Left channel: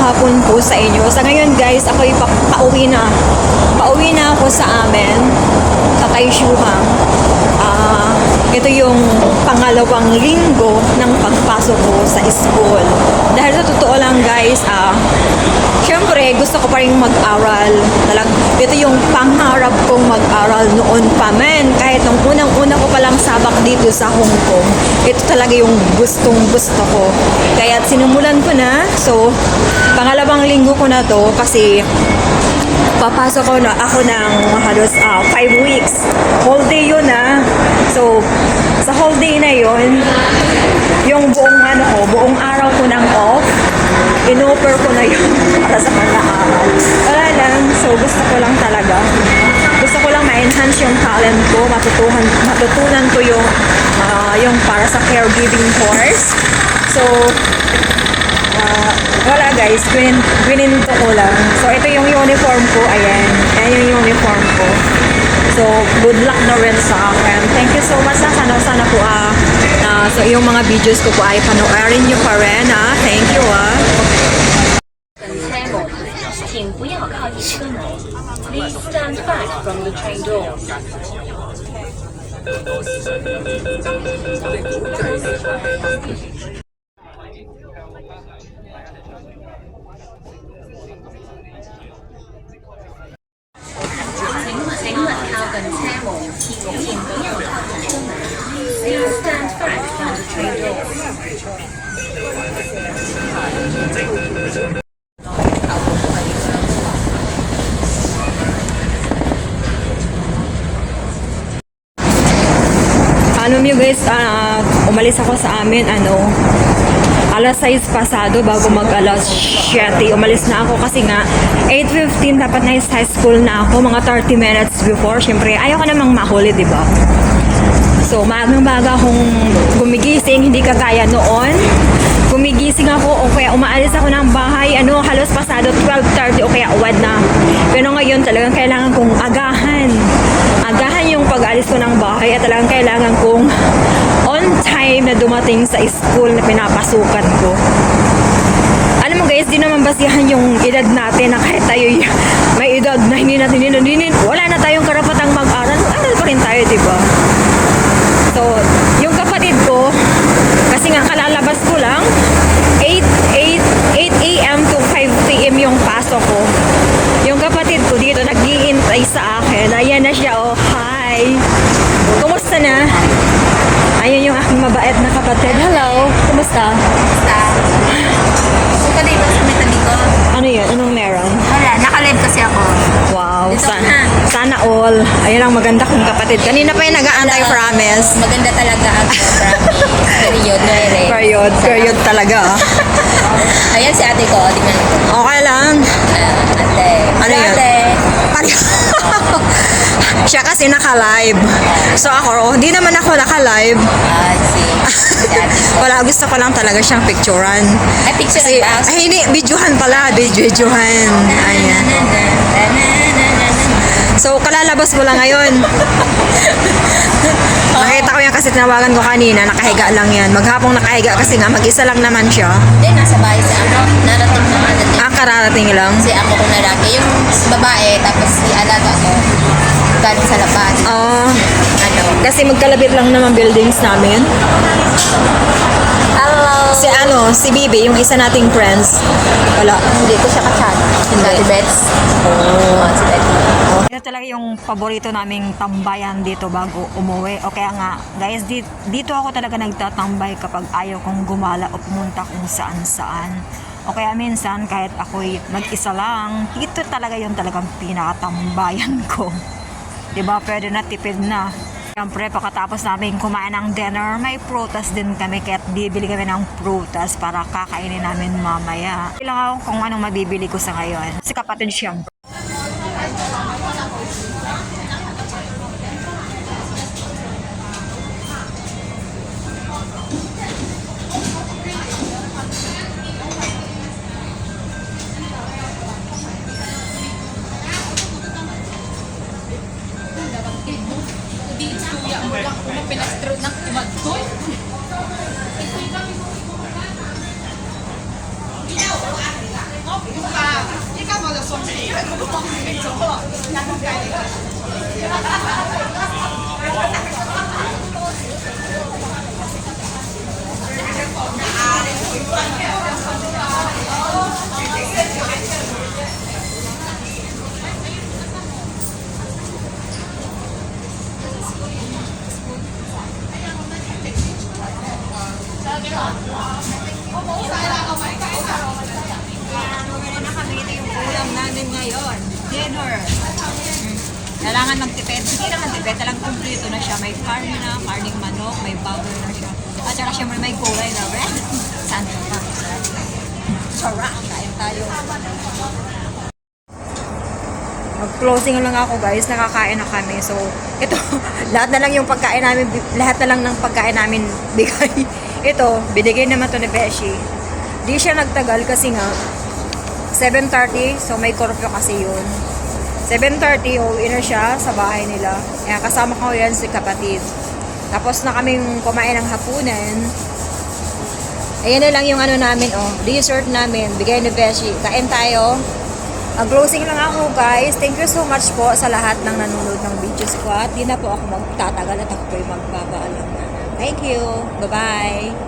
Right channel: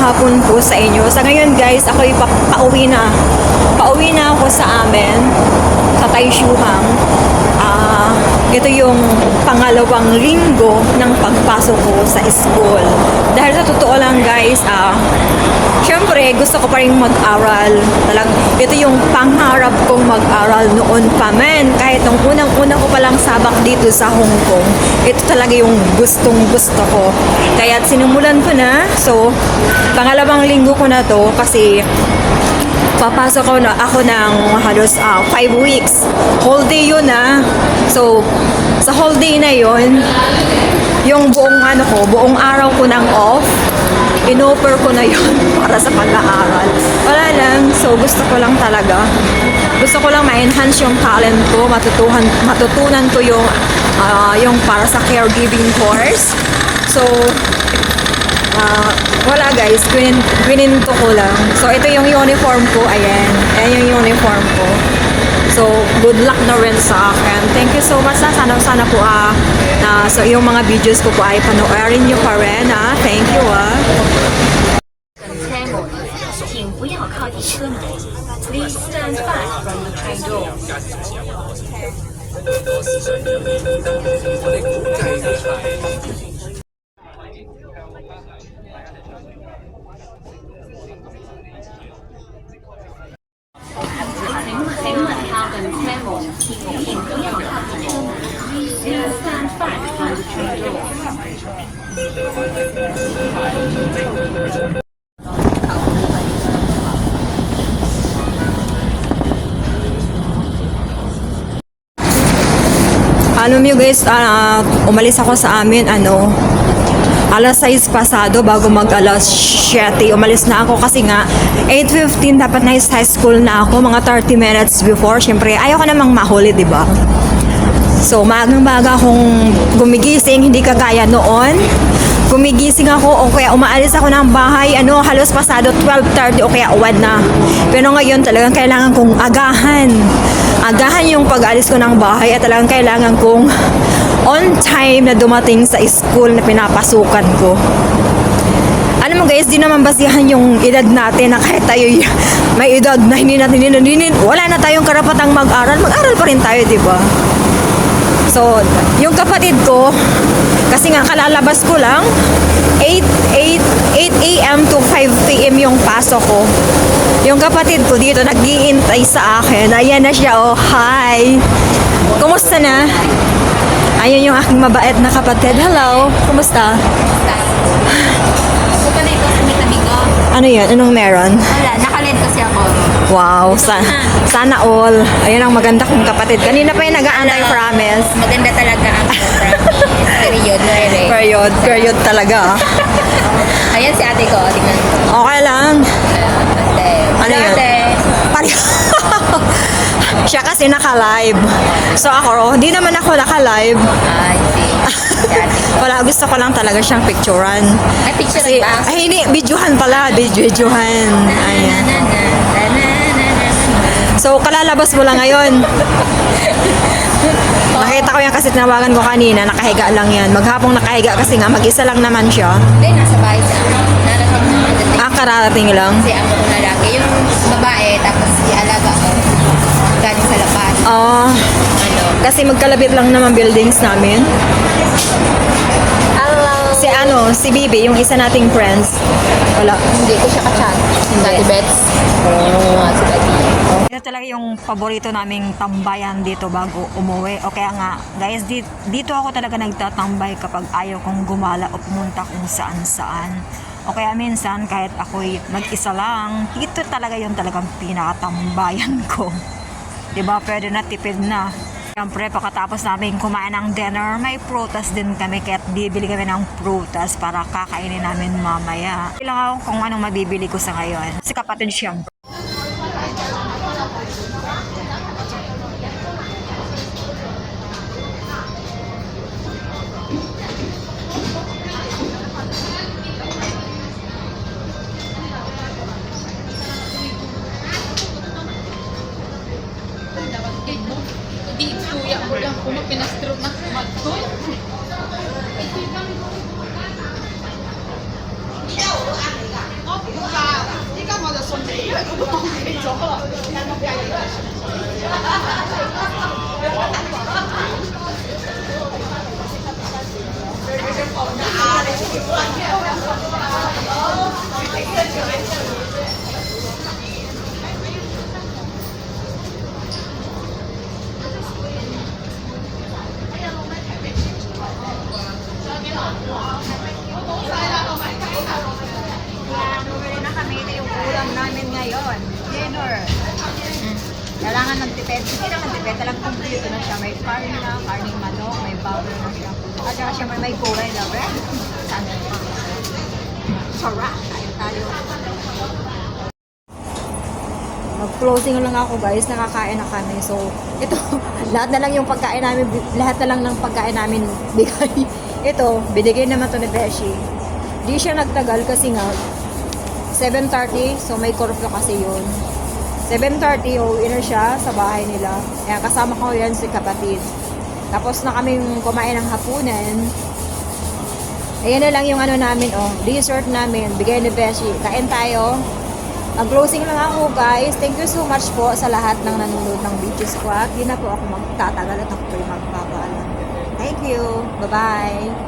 hapon po sa inyo. Sa ngayon guys, ako pauwi na. Pauwi na ako sa amin. Tatay Shuhang. Ito yung pangalawang linggo ng pagpasok ko sa school. Dahil sa totoo lang guys, syempre gusto ko pa rin mag-aral. Ito yung pangarap kong mag-aral noon pa men. Kahit nung unang-una ko palang sabak dito sa Hong Kong, ito talaga yung gustong-gusto ko. Kaya sinimulan ko na. So, pangalawang linggo ko na to kasi papasok ako ng halos 5 weeks. Whole day yun So, sa whole day na yun, yung buong araw ko ng off, inoffer ko na yun para sa pag-aaral. Wala lang, so gusto ko lang talaga. Gusto ko lang ma-enhance yung talent ko, matutunan ko yung para sa caregiving course. So, wala guys, bininto ko lang. So, ito yung uniform ko, ayan. Ayan yung uniform ko. So, good luck na rin sa akin. Thank you so much. Sana po so yung mga videos ko po ay panoorin nyo pa rin. Thank you. 请不要靠近车门。Please stand back from the train door. 请勿靠近車門，請不要靠近車門。Please stand back from the train door. Alam nyo guys, umalis ako sa amin, alas 6 pasado bago mag alas 7. Umalis na ako kasi nga 8:15 dapat na high school na ako, mga 30 minutes before. Syempre, ayaw ko namang mahuli, di ba? So, magang-maga akong gumigising, hindi kagaya noon. Gumigising ako o kaya umaalis ako ng bahay, halos pasado 12:30 o kaya uwad na. Pero ngayon talagang kailangan kong agahan yung pag-alis ko ng bahay at talagang kailangan kong on time na dumating sa school na pinapasukan ko. Alam mo guys, di naman basihan yung edad natin na kahit tayo may edad na hindi natin wala na tayong karapatang mag-aral pa rin tayo, di ba? So, yung kapatid ko, kasi nga kalalabas ko lang, 8 a.m. to 5 p.m. yung pasok ko. Yung kapatid ko dito, nag-iintay sa akin. Ayan na siya, hi! Kumusta na? Ayun yung aking mabait na kapatid. Hello, kumusta? Ano yun? Anong meron? Wala, naka-live kasi ako. Wow, sana all. Ayun ang maganda kong kapatid. Kanina pa yung nag-aantay, promise. Maganda talaga ang Period talaga. Ayan si ate ko. Tingnan. Okay lang. Ate. Ano yun? Siya kasi naka-live. So ako, di naman ako naka-live. Wala, gusto ko lang talaga siyang picturean. Ay, picture Kasi, ba? ay hindi, videohan pala. Videohan. Ayan. So, kalalabas ko lang ngayon. Nakita ko yan kasi tinawagan ko kanina. Nakahiga lang yan. Maghapong nakahiga kasi nga mag-isa lang naman siya. Eh, nasa bahay sa narating naman dati. Kararating lang. Kasi ang lalaki, yung babae, tapos si alaga ko, galing sa labas. Kasi magkalabit lang naman buildings namin. Si Bibi, yung isa nating friends. Wala. Hindi ko siya ka-chat. Hindi. Mets. Ito talaga yung paborito naming tambayan dito bago umuwi. O kaya nga, guys, dito ako talaga nagtatambay kapag ayaw kong gumala o pumunta kung saan-saan. O kaya minsan, kahit ako'y mag-isa lang, dito talaga yung talagang pinakatambayan ko. Diba? Pwede na, tipid na. Siyempre, pagkatapos namin kumain ng dinner, may prutas din kami, kaya't bibili kami ng prutas para kakainin namin mamaya. Kailangan ako kung anong mabibili ko sa ngayon. Si kapatid siyempre. Wala na kami. Ito yung ulam namin ngayon. Dinner. Kailangan ng tipid. Hindi naman tipid. Talagang kumpleto na siya. May karne na, karning manok, may burger na siya. At saka siyempre may kulay na bread. Saan pa? Sarap. Kain tayo. Mag-closing lang ako guys. Nakakain na kami. So, ito, lahat na lang yung pagkain namin, lahat na lang ng pagkain namin bigay. Ito, binigay naman to ni Beshi. Di siya nagtagal kasi nga 7:30, so may curfew kasi yun. 7:30, uuwi na siya sa bahay nila. Kaya kasama ko yan si kapatid. Tapos na kaming kumain ng hapunan. Ayan na lang yung ano namin, oh, dessert namin. Bigay ni Beshi. Kain tayo. Mag-closing lang ako guys. Thank you so much po sa lahat ng nanonood ng videos ko. At di na po ako magtatagal at ako po yung magpapaalam. Thank you. Bye-bye.